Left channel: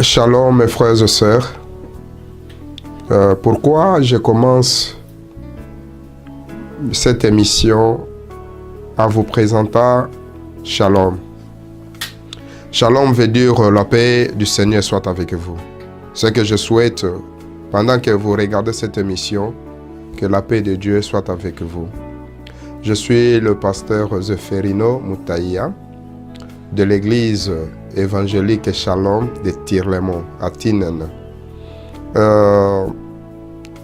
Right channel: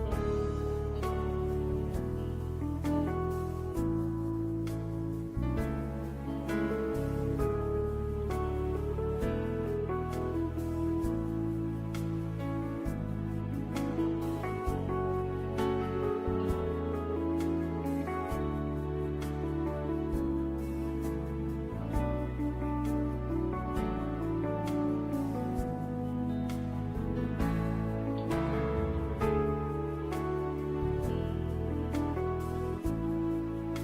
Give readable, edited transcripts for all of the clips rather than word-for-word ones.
Shalom mes frères et sœurs. Pourquoi je commence cette émission en vous présentant Shalom. Shalom veut dire la paix du Seigneur soit avec vous. Ce que je souhaite pendant que vous regardez cette émission, que la paix de Dieu soit avec vous. Je suis le pasteur Zéphérino Moutaïa de l'église évangélique Shalom de Tirlemont à Tinen.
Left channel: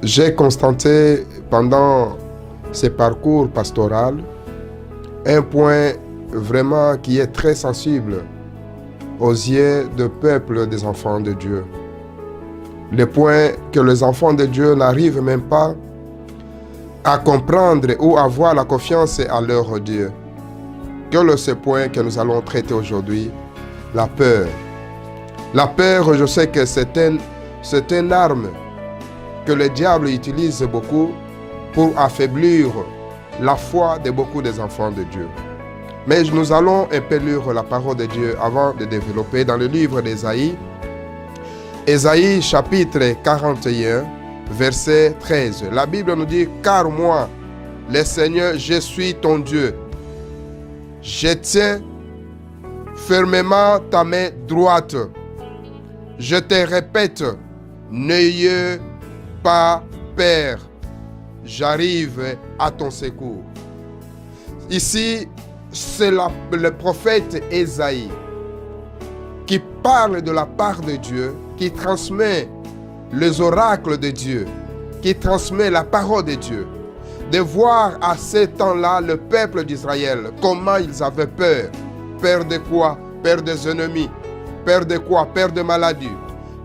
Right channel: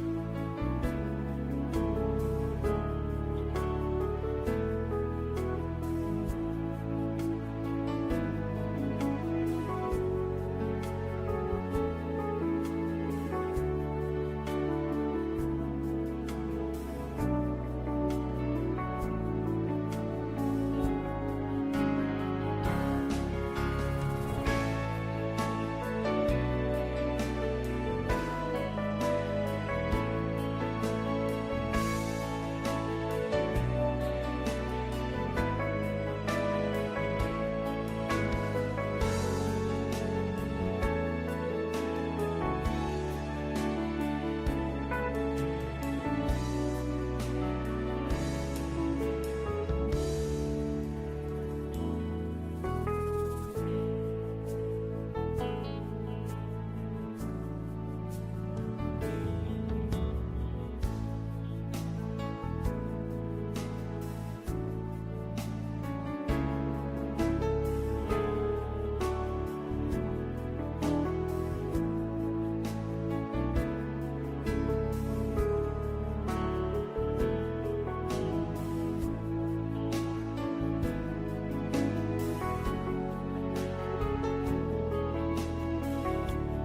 J'ai constaté pendant ce parcours pastoral un point vraiment qui est très sensible aux yeux du peuple des enfants de Dieu. Le point que les enfants de Dieu n'arrivent même pas à comprendre ou à avoir la confiance à leur Dieu. Quel est ce point que nous allons traiter aujourd'hui? La peur. La peur, je sais que c'est une arme que le diable utilise beaucoup pour affaiblir la foi de beaucoup des enfants de Dieu. Mais nous allons un peu lire la parole de Dieu avant de développer dans le livre d'Ésaïe. Ésaïe chapitre 41, verset 13. La Bible nous dit, « Car moi, le Seigneur, je suis ton Dieu. Je tiens fermement ta main droite. Je te répète, n'ayez pas peur. J'arrive à ton secours. » Ici, c'est le prophète Ésaïe qui parle de la part de Dieu, qui transmet les oracles de Dieu, qui transmet la parole de Dieu. De voir à ce temps-là le peuple d'Israël, comment ils avaient peur. Peur de quoi? Peur des ennemis. Peur de quoi? Peur de maladies.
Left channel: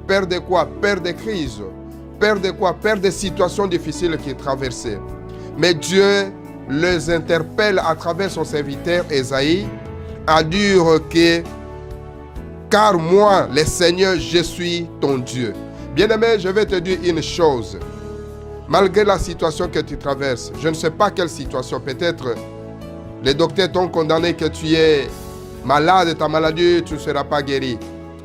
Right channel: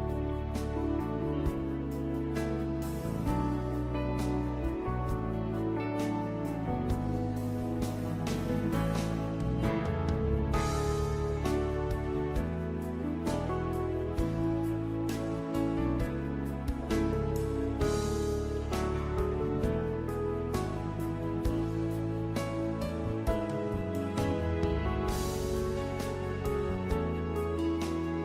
Peur de quoi? Peur de crises. Peur de quoi? Peur de situations difficiles qu'ils traversaient. Mais Dieu les interpelle à travers son serviteur Ésaïe à dire que « Car moi, le Seigneur, je suis ton Dieu. » Bien-aimé, je vais te dire une chose. Malgré la situation que tu traverses, je ne sais pas quelle situation, peut-être les docteurs t'ont condamné que tu es malade, ta maladie, tu ne seras pas guéri.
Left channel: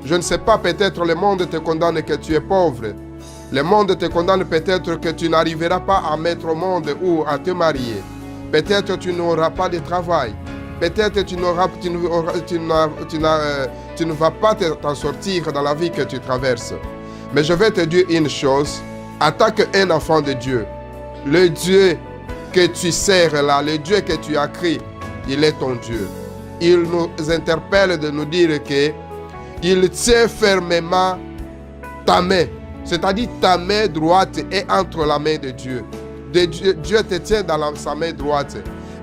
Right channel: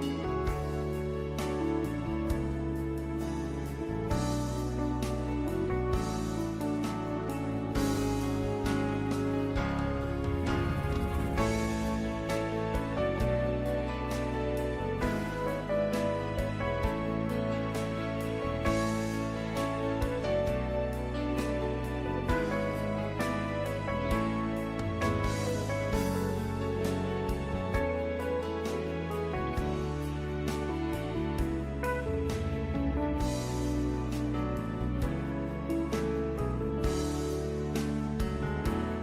Je ne sais pas, peut-être le monde te condamne que tu es pauvre. Le monde te condamne peut-être que tu n'arriveras pas à mettre au monde ou à te marier. Peut-être tu n'auras pas de travail. Peut-être tu ne vas pas t'en sortir dans la vie que tu traverses. Mais je vais te dire une chose. En tant qu'un enfant de Dieu, le Dieu que tu sers là, le Dieu que tu as créé, il est ton Dieu. Il nous interpelle de nous dire qu'il tient fermement ta main. C'est-à-dire ta main droite est entre la main de Dieu. Dieu te tient dans sa main droite.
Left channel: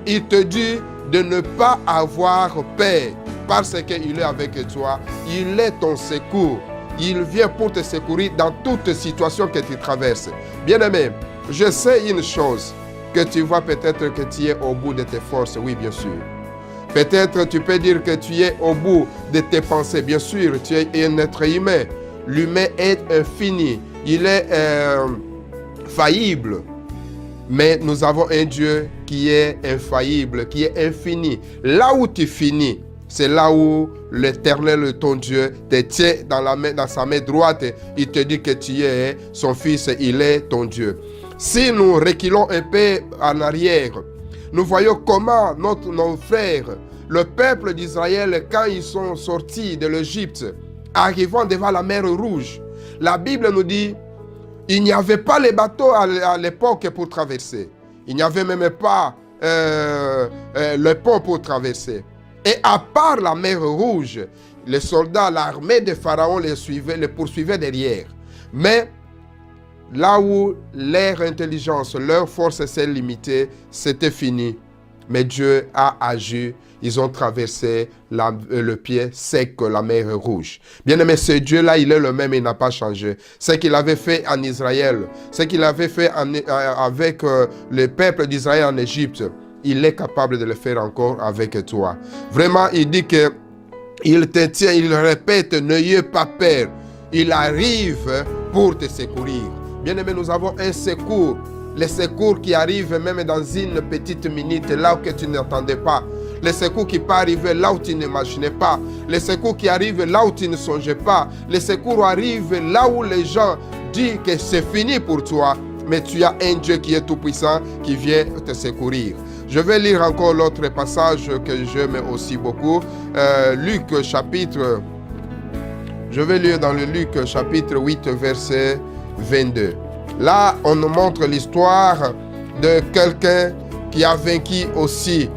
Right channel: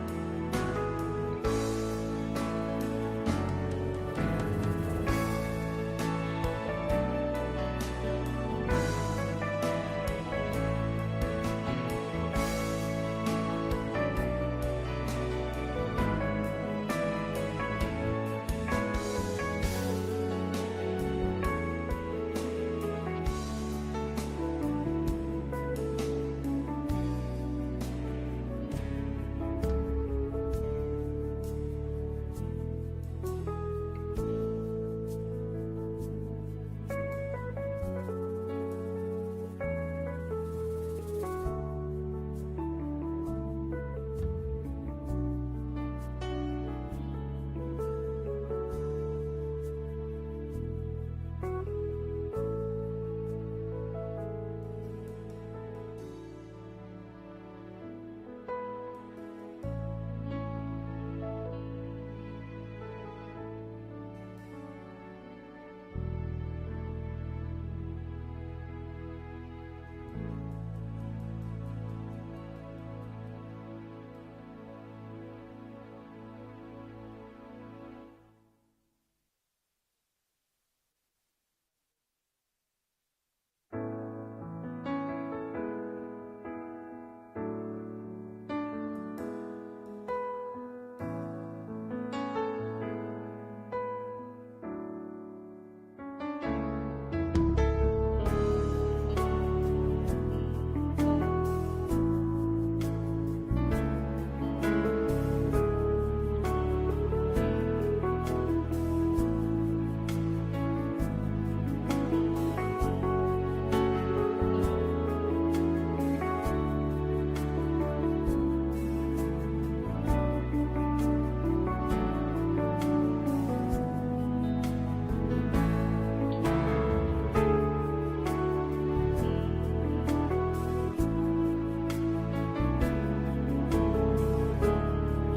Il te dit de ne pas avoir peur parce qu'il est avec toi. Il est ton secours. Il vient pour te secourir dans toute situation que tu traverses. Bien-aimé, je sais une chose, que tu vois peut-être que tu es au bout de tes forces. Oui, bien sûr. Peut-être tu peux dire que tu es au bout de tes pensées. Bien sûr, tu es un être humain. L'humain est infini. Il est faillible. Mais nous avons un Dieu qui est infaillible, qui est infini. Là où tu finis, c'est là où l'Éternel, ton Dieu, te tient dans sa main droite. Il te dit que tu es son fils, il est ton Dieu. Si nous reculons un peu en arrière, nous voyons comment nos frères, le peuple d'Israël, quand ils sont sortis de l'Égypte, arrivant devant la mer Rouge, la Bible nous dit, il n'y avait pas les bateaux à l'époque pour traverser. Il n'y avait même pas le pont pour traverser. Et à part la mer Rouge, les soldats, l'armée de Pharaon les poursuivait derrière. Mais là où leur intelligence, leur force s'est limitée, c'était fini. Mais Dieu a agi. Ils ont traversé le pied sec, la mer Rouge. Bien-aimé, ce Dieu-là, il est le même, il n'a pas changé. Ce qu'il avait fait en Israël, ce qu'il avait fait avec le peuple d'Israël en Égypte, il est capable de le faire encore avec toi. Vraiment, il dit que il te tient, il répète, n'ayez pas peur. Il arrive pour te secourir. Bien-aimé, nous avons un secours. Le secours qui arrive même dans une petite minute, là où tu n'attendais pas. les secours qui peuvent arriver là où tu n'imaginais pas, les secours qui arrivent là où tu ne songeais pas, les secours arrivent là où les gens disent que c'est fini pour toi, mais tu as un Dieu qui est tout-puissant qui vient te secourir. Je vais lire encore l'autre passage que j'aime aussi beaucoup, je vais lire dans le Luc chapitre 8, verset 22. Là, on nous montre l'histoire de quelqu'un qui a vaincu aussi.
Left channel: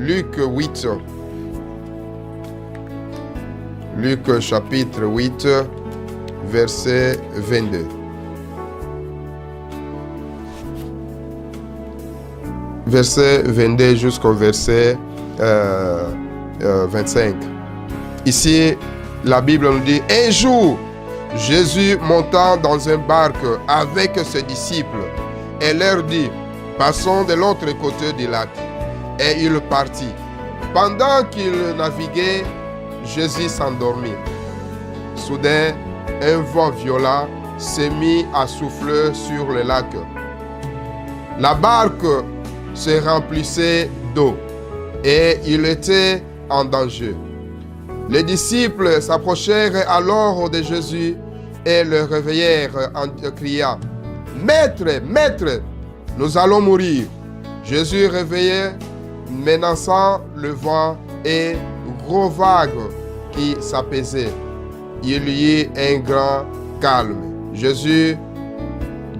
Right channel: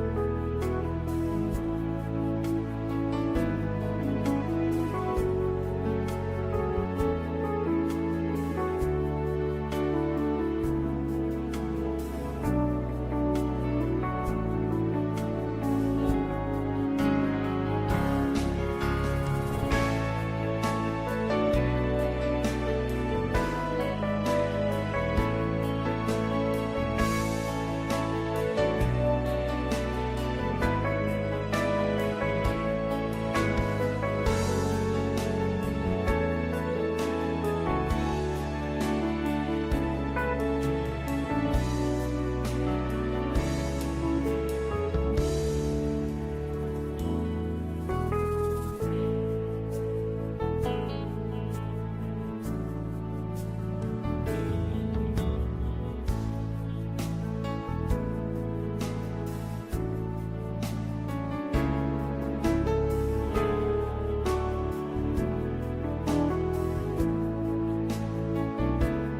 Luc 8. Luc chapitre 8, verset 22. Verset 22 jusqu'au verset 25. Ici, la Bible nous dit, un jour, Jésus monta dans un barque avec ses disciples et leur dit, passons de l'autre côté du lac. Et il partit. Pendant qu'il naviguait, Jésus s'endormit. Soudain, un vent violent s'est mis à souffler sur le lac. La barque se remplissait d'eau et il était en danger. Les disciples s'approchèrent alors de Jésus et le réveillèrent en criant, « Maître, Maître, nous allons mourir. » Jésus réveillait, menaçant le vent et gros vagues qui s'apaisaient. Il y eut un grand calme. Jésus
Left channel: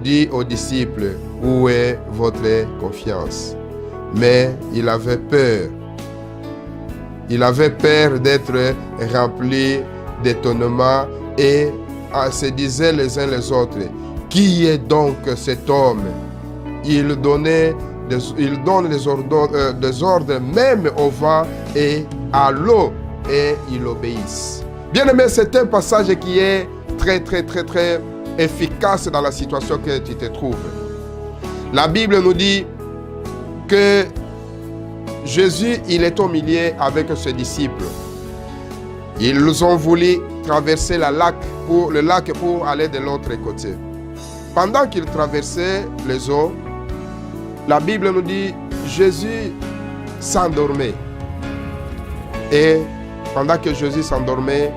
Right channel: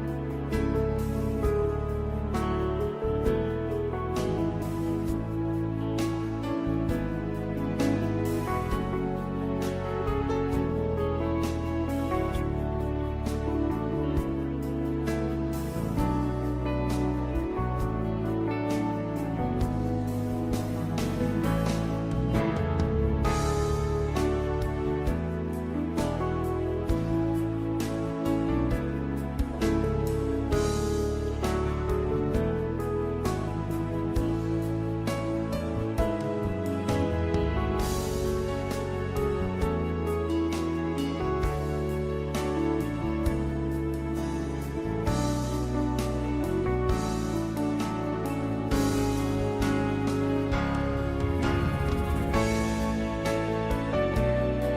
dit aux disciples, « Où est votre confiance ?» Mais il avait peur. Il avait peur d'être rempli d'étonnement et se disaient les uns les autres, « Qui est donc cet homme ?» Il donne des ordres même au vent et à l'eau et ils obéissent. Bien aimé, c'est un passage qui est très efficace dans la situation que tu te trouves. La Bible nous dit que Jésus, il est au milieu avec ses disciples. Ils ont voulu traverser le lac pour aller de l'autre côté. Pendant qu'ils traversaient les eaux, la Bible nous dit Jésus s'endormait. Et pendant que Jésus s'endormait,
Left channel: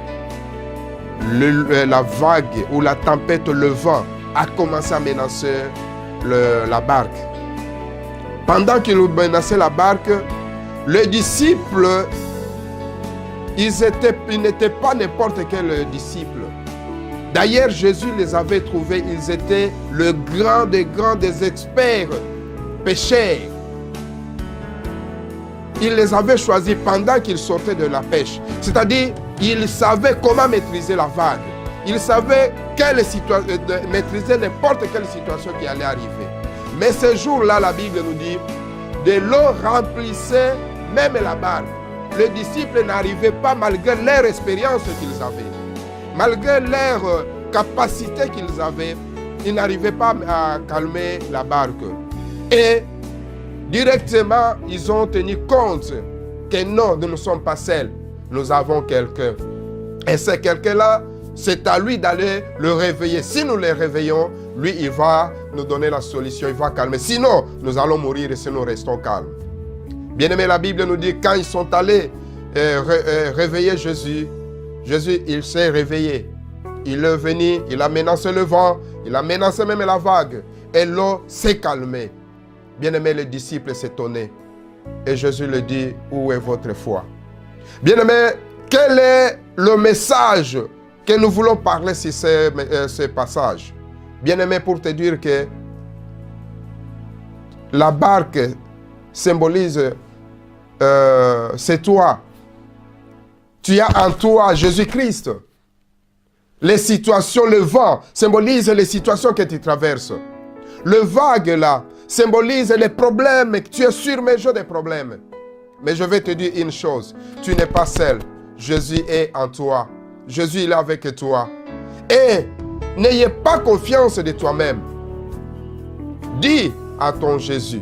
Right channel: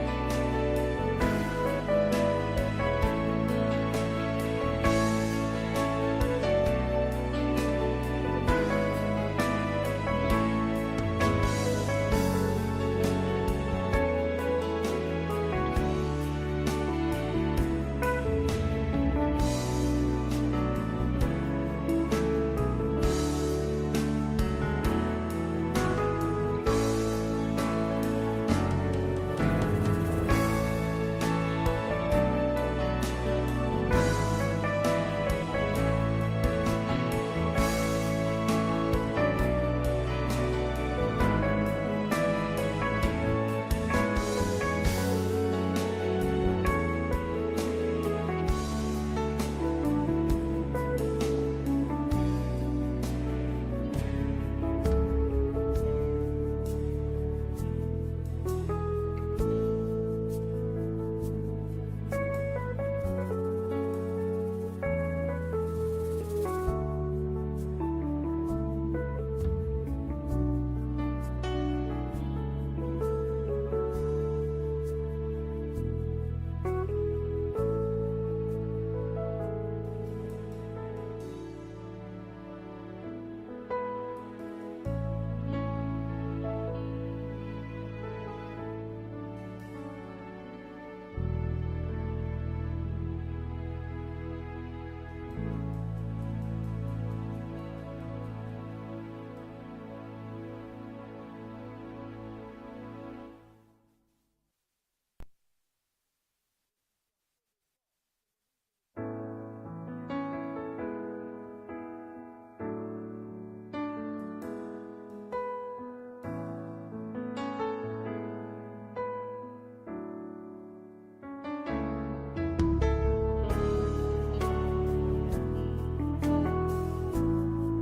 la vague ou la tempête, le vent, a commencé à menacer la barque. Pendant qu'il menaçait la barque, les disciples, ils n'étaient pas n'importe quel disciple. D'ailleurs, Jésus les avait trouvés, ils étaient le grand des grands des experts pêcheurs. Il les avait choisis pendant qu'ils sortaient de la pêche. C'est-à-dire, ils savaient comment maîtriser la vague. Ils savaient maîtriser n'importe quelle situation qui allait arriver. Mais ce jour-là, la Bible nous dit, de l'eau remplissait même la barque. Les disciples n'arrivaient pas, malgré leur expérience qu'ils avaient, malgré leur capacité qu'ils avaient, ils n'arrivaient pas à calmer la barque. Et directement, ils ont tenu compte que non, nous ne sommes pas seuls. Nous avons quelqu'un. Et ce quelqu'un-là, c'est à lui d'aller le réveiller. Si nous le réveillons, lui, il va nous donner la solution, il va calmer. Sinon, nous allons mourir si nous restons calmes. Bien aimé, la Bible nous dit, quand ils sont allés réveiller Jésus, Jésus, il s'est réveillé. Il est venu, il a menacé le vent, il a menacé même la vague. Et l'eau s'est calmée. Bien aimé, les disciples s'étonnaient. Et Jésus leur dit, où est votre foi? Bien aimé, quel est le message que nous voulons parler sur ce passage? Bien aimé, pour te dire que la barque symbolise, c'est toi. Tu as en toi Jésus-Christ. Les situations, le vent symbolise les situations que tu traverses. Le vague là symbolise les problèmes, que tu es surmergé des problèmes. Mais je vais te dire une chose, tu n'es pas seul. Jésus est en toi. Jésus il est avec toi. Et n'ayez pas confiance de toi-même. Dis à ton Jésus.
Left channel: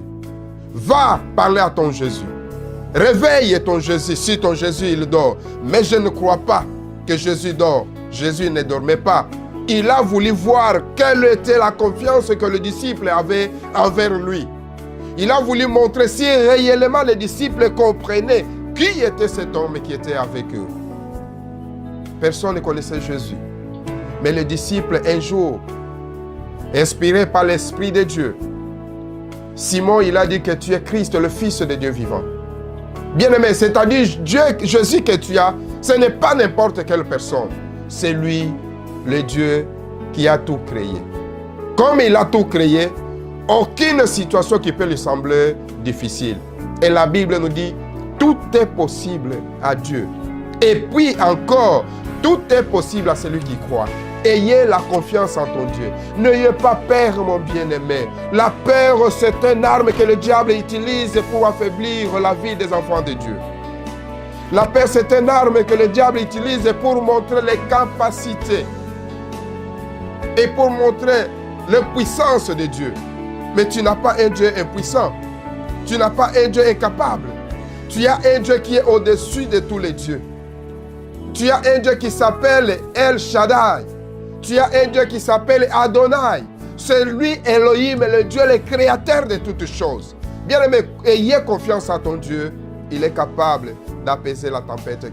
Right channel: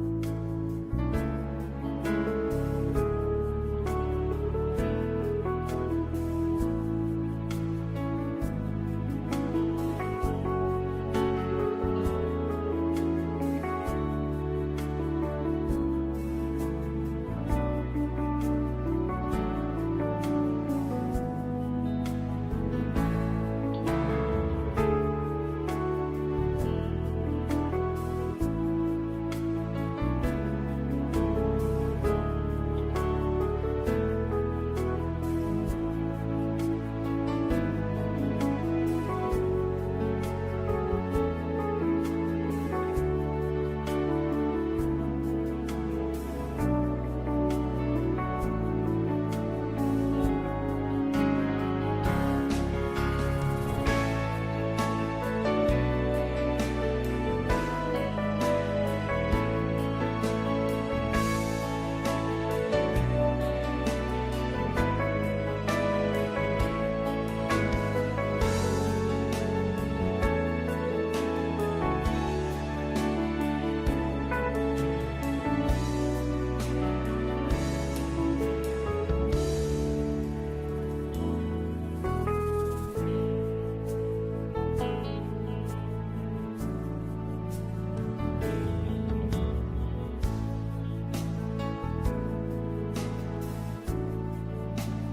Va parler à ton Jésus. Réveille ton Jésus si ton Jésus il dort. Mais je ne crois pas que Jésus dort. Jésus ne dormait pas. Il a voulu voir quelle était la confiance que le disciple avait envers lui. Il a voulu montrer si réellement les disciples comprenaient qui était cet homme qui était avec eux. Personne ne connaissait Jésus. Mais les disciples, un jour, inspirés par l'Esprit de Dieu, Simon, il a dit que tu es Christ, le Fils de Dieu vivant. Bien-aimé, c'est-à-dire Jésus que tu as, ce n'est pas n'importe quelle personne. C'est lui, le Dieu, qui a tout créé. Comme il a tout créé, aucune situation qui peut lui sembler difficile. Et la Bible nous dit, tout est possible à Dieu. Et puis encore, tout est possible à celui qui croit. Ayez la confiance en ton Dieu. N'ayez pas peur, mon bien-aimé. La peur, c'est une arme que le diable utilise pour affaiblir la vie des enfants de Dieu. La peur, c'est une arme que le diable utilise pour montrer les capacités et pour montrer la puissance de Dieu. Mais tu n'as pas un Dieu impuissant. Tu n'as pas un Dieu incapable. Tu as un Dieu qui est au-dessus de tous les dieux. Tu as un Dieu qui s'appelle El Shaddai. Tu as un Dieu qui s'appelle Adonai. C'est lui, Elohim, le Dieu, le créateur de toutes choses. Bien aimé, ayez confiance en ton Dieu. Il est capable d'apaiser la tempête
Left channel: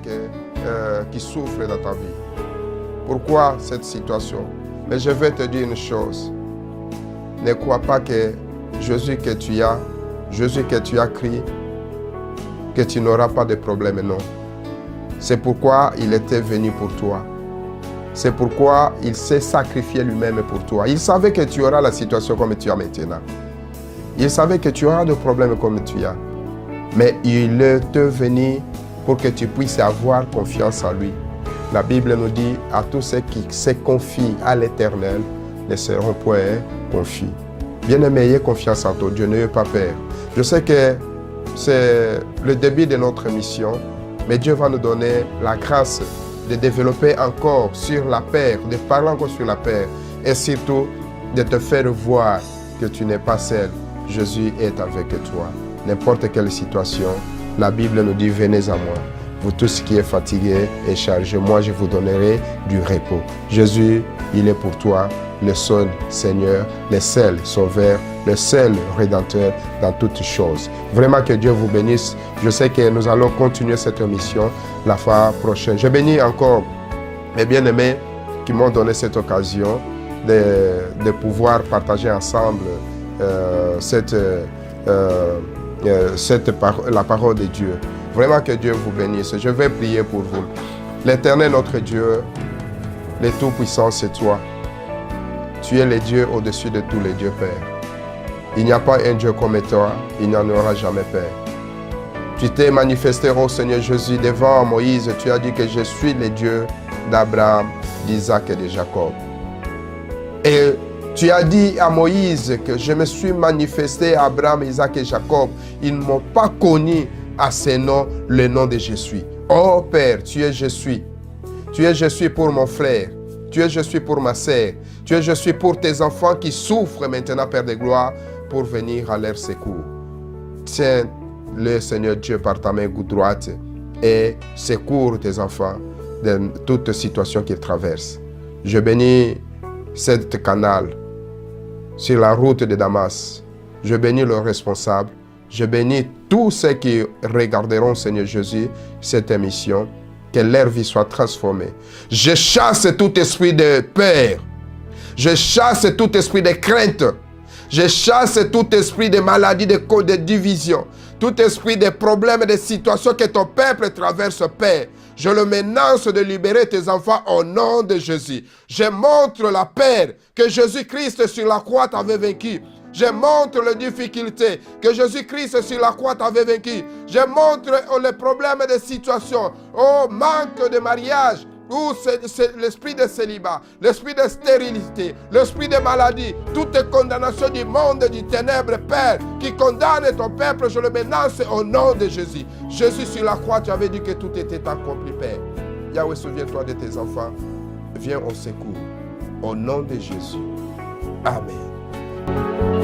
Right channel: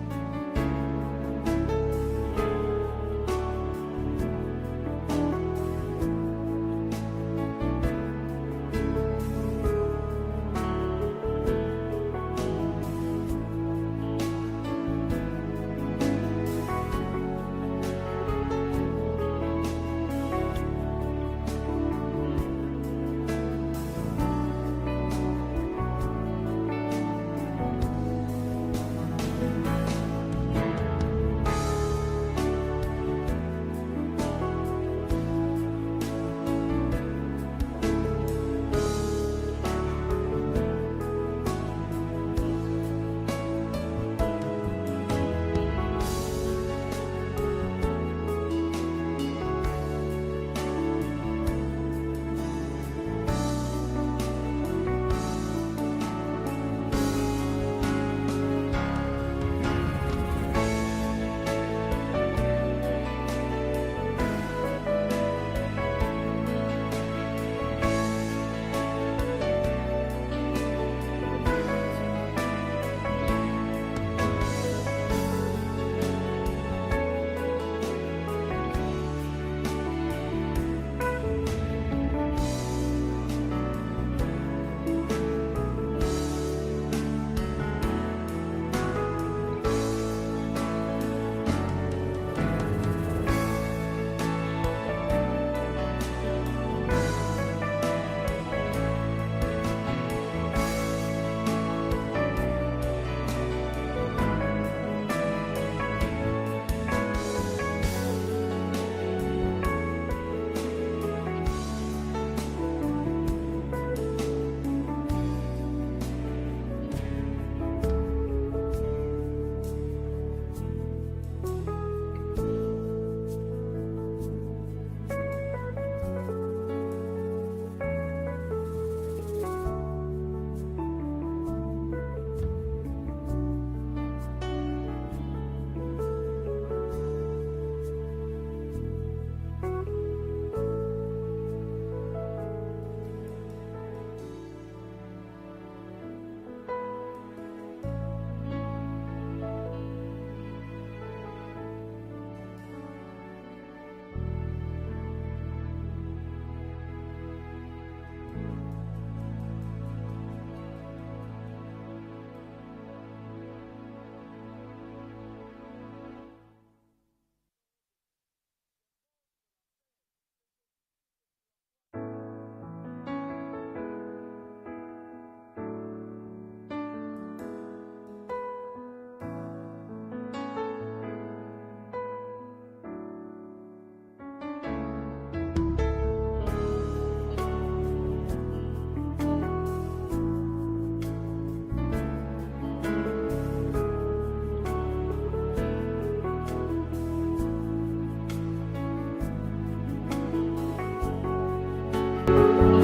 qui souffre dans ta vie. Pourquoi cette situation? Mais je vais te dire une chose. Ne crois pas que Jésus que tu as crié, que tu n'auras pas de problème, non. C'est pourquoi il était venu pour toi. C'est pourquoi il s'est sacrifié lui-même pour toi. Il savait que tu auras la situation comme tu as maintenant. Il savait que tu auras des problèmes comme tu as. Mais il est venu pour que tu puisses avoir confiance en lui. La Bible nous dit, à tous ceux qui se confient à l'Éternel, ne seront point confis. Bien-aimé, ayez confiance en ton Dieu, n'ayez pas peur. Je sais que c'est le début de notre mission, mais Dieu va nous donner la grâce de développer encore sur la paix, de parler encore sur la paix, et surtout de te faire voir que tu n'es pas seul. Jésus est avec toi. N'importe quelle situation, la Bible nous dit, venez à moi. Vous tous qui êtes fatigués et chargés, moi je vous donnerai du repos. Jésus, il est pour toi le seul Seigneur, le seul Sauveur, le seul Rédempteur dans toutes choses. Vraiment que Dieu vous bénisse. Je sais que nous allons continuer cette émission la fois prochaine. Je bénis encore mes bien-aimés qui m'ont donné cette occasion de pouvoir partager ensemble la parole de Dieu. Vraiment que Dieu vous bénisse. Je vais prier pour vous. L'Éternel, notre Dieu, le Tout-Puissant, c'est toi. Tu es le Dieu au-dessus de tous les dieux, Père. Il n'y a pas un Dieu comme toi. Il n'y en aura jamais, Père. Tu t'es manifesté, ô Seigneur Jésus, devant Moïse. Tu as dit que je suis le Dieu d'Abraham, d'Isaac et de Jacob. Et tu as dit à Moïse que je me suis manifesté à Abraham, Isaac et Jacob. Ils ne m'ont pas connu à ce nom, le nom de Jésus. Oh Père, tu es Jésus. Tu es Jésus pour mon frère. Tu es Jésus pour ma sœur. Tu es Jésus pour tes enfants qui souffrent maintenant, Père de gloire, pour venir à leur secours. Tiens le Seigneur Dieu par ta main droite et secours tes enfants dans toute situation qu'ils traversent. Je bénis cette canal sur la route de Damas. Je bénis le responsable. Je bénis tous ceux qui regarderont, Seigneur Jésus, cette émission. Que leur vie soit transformée. Je chasse tout esprit de peur. Je chasse tout esprit de crainte. Je chasse tout esprit de maladie, de division. Tout esprit de problèmes, de situations que ton peuple traverse, Père. Je le menace de libérer tes enfants au nom de Jésus. Je montre la paix que Jésus-Christ sur la croix t'avait vaincu. Je montre les difficultés que Jésus-Christ sur la croix t'avait vaincu. Je montre les problèmes de situation, manque de mariage, ou c'est l'esprit de célibat, l'esprit de stérilité, l'esprit de maladie, toute condamnation du monde, du ténèbre, Père, qui condamne ton peuple, je le menace au nom de Jésus. Jésus sur la croix, tu avais dit que tout était accompli, Père. Yahweh, souviens-toi de tes enfants. Viens au secours. Au nom de Jésus. Amen.